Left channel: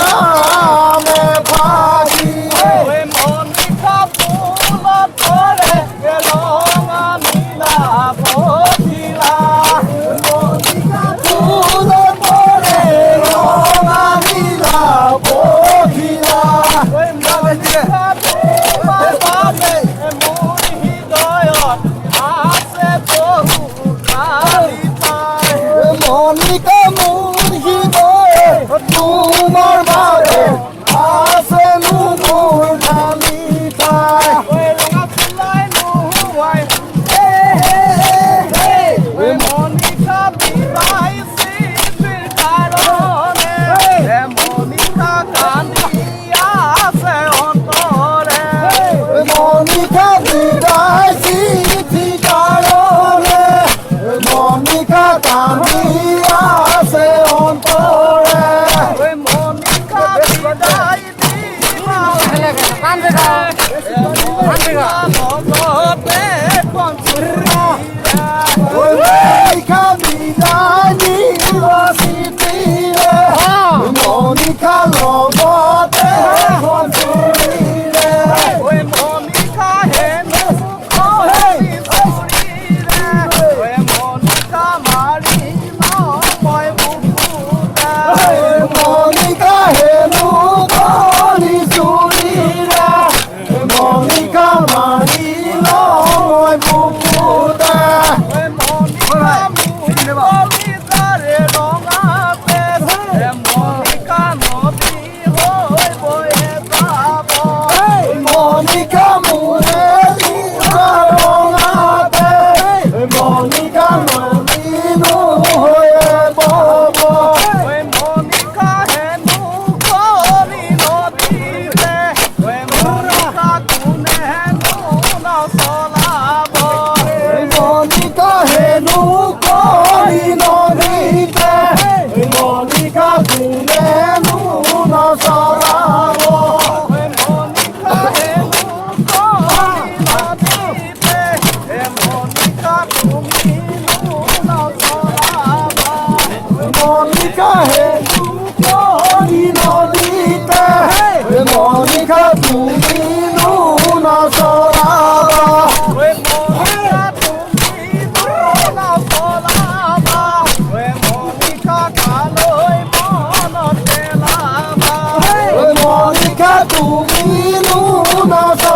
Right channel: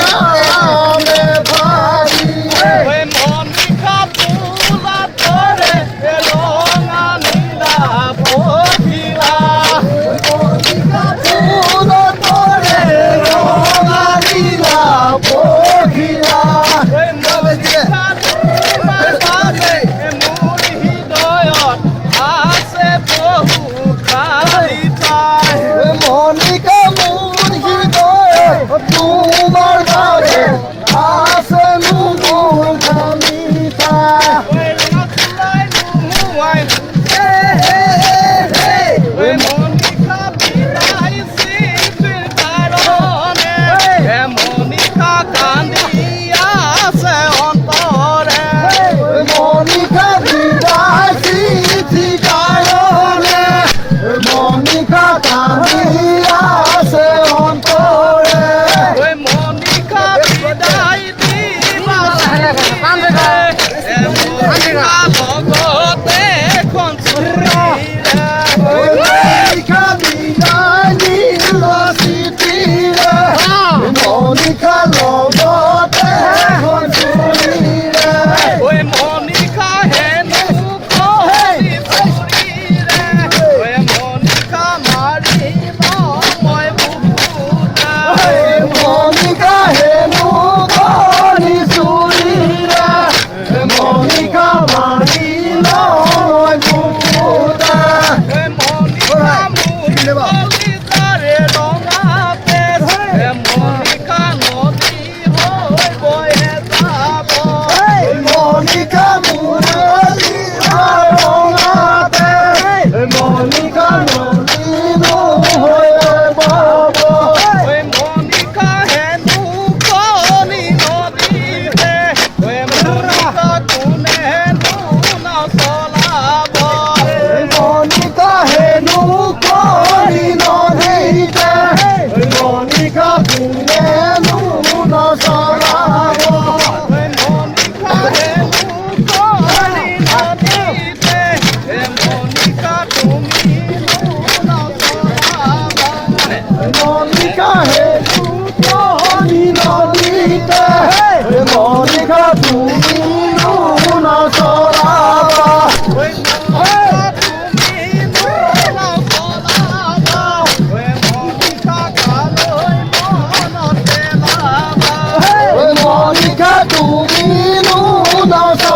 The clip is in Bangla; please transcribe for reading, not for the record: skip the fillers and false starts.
নামে ভাবি মনিকা ফুল তোরে রঙা নীলা বহিলা ফুল তোরে রঙা নীলা বহিলা মনিকা মোর হৃদয় তোমার ভাবে আছে মোর খালি ঠাই মনিকা বিদায় চিঠি কারণে মনিকা কান্দি আছে অন্তরে মনিকা বিদায় দিল চিঠিরে মনিকা লগতে ঘঞ্চুৰিৰে মনিকা হেনু ধৰি চুৰিৰে মনিকা মাৰিল মই বুকুতে মনিকা মোৰে ৰঙাতে মনিকা নলিনো হৈয়ে বব মনিকা হেনু কৰি নদীতে মনিকা কোনেনো নচলাব মনিকা হেনু কৰি নদীতে মনিকা তুমিনো নচলাবা মনিকা তুমিনো নচলাবা